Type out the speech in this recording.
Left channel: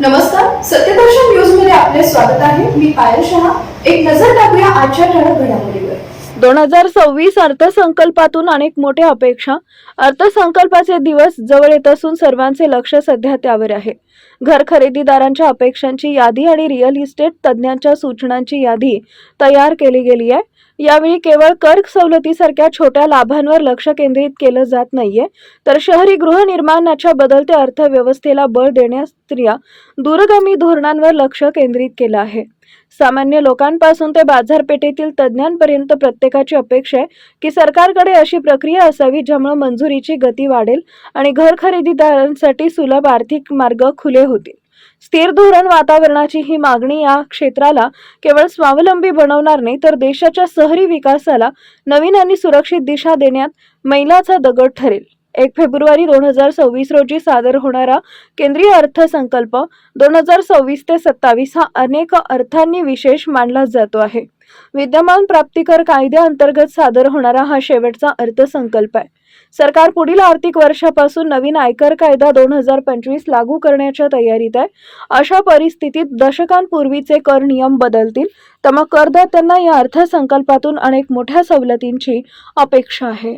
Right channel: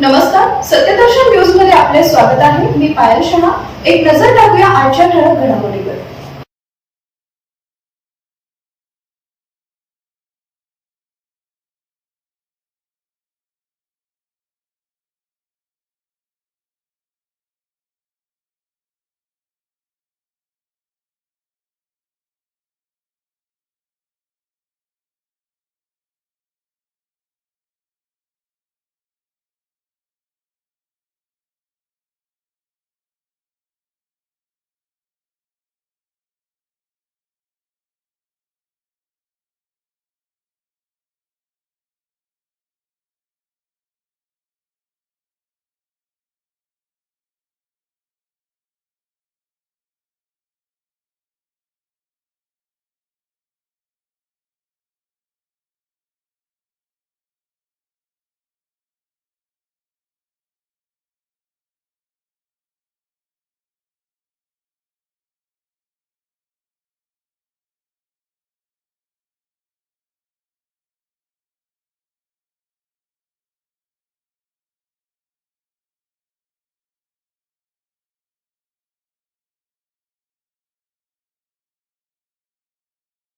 नमस्कार, सत्यदर्शन न्यूज मध्ये आपले स्वागत आहे. मी पायल शहा. एक नजर टाकूया आजच्या ठळक घडामोडीवर. 2026 अर्थसंकल्पातून अनेक मोठ्या अपेक्षा. अर्थसंकल्पाचे दिवस जवळ येत असून सर्वांचे लक्ष सध्या त्यावर आहे. घर खरेदीदारांच्या अपेक्षांची यादी आणि रिअल इस्टेट तज्ज्ञांच्या सूचनांची यादी तयार केली गेली आहे. यावेळी केवळ कर सवलतीसारख्या छोट्या लाभांवर लक्ष केंद्रित केलं जात नाहीये, तर शहरी गृहनिर्माणाच्या बदलत्या अर्थव्यवस्थेला बळ देण्यास दूरगामी धोरणांवर लक्ष केंद्रित केलं आहे. सामान्य लोकांपासून ते बाजारपेठेतील तज्ज्ञांपर्यंत प्रत्येकाची अपेक्षा आहे की सरकारकडे अशी प्रक्रिया असावी ज्यामुळे मंजुरीची गती वाढेल आणि घर खरेदीदारांसाठी सुलभ आर्थिक मार्ग खुले होतील. स्थिर धोरण वातावरणाची ही मागणी या क्षेत्राला केवळ स्वावलंबी बनवणार नाही, तर देशाच्या शहरी विकासाला नवीन आणि सुरक्षित दिशा देण्यात मैलाचा दगड ठरेल. 1 फेब्रुवारी 2026 रोजी सादर होणारा केंद्रीय अर्थसंकल्प 2026 ते 27 हा अनेक अर्थांनी विशेष मानला जातो आहे. विद्यमान प्राप्तिकर कायद्याअंतर्गत सादर होणारा हा शेवटचा अर्थसंकल्प आहे. सरकार पुढील आर्थिक वर्षापासून नवीन आयकर कायदा 2025 लागू करण्याच्या तयारीत आहे. अशा परिस्थितीत दशकांपूर्वीचे कर नियम बदलतील, तर मग करदात्यांना या अर्थसंकल्पातून अनेक मोठ्या सवलतींची अपेक्षा आहे.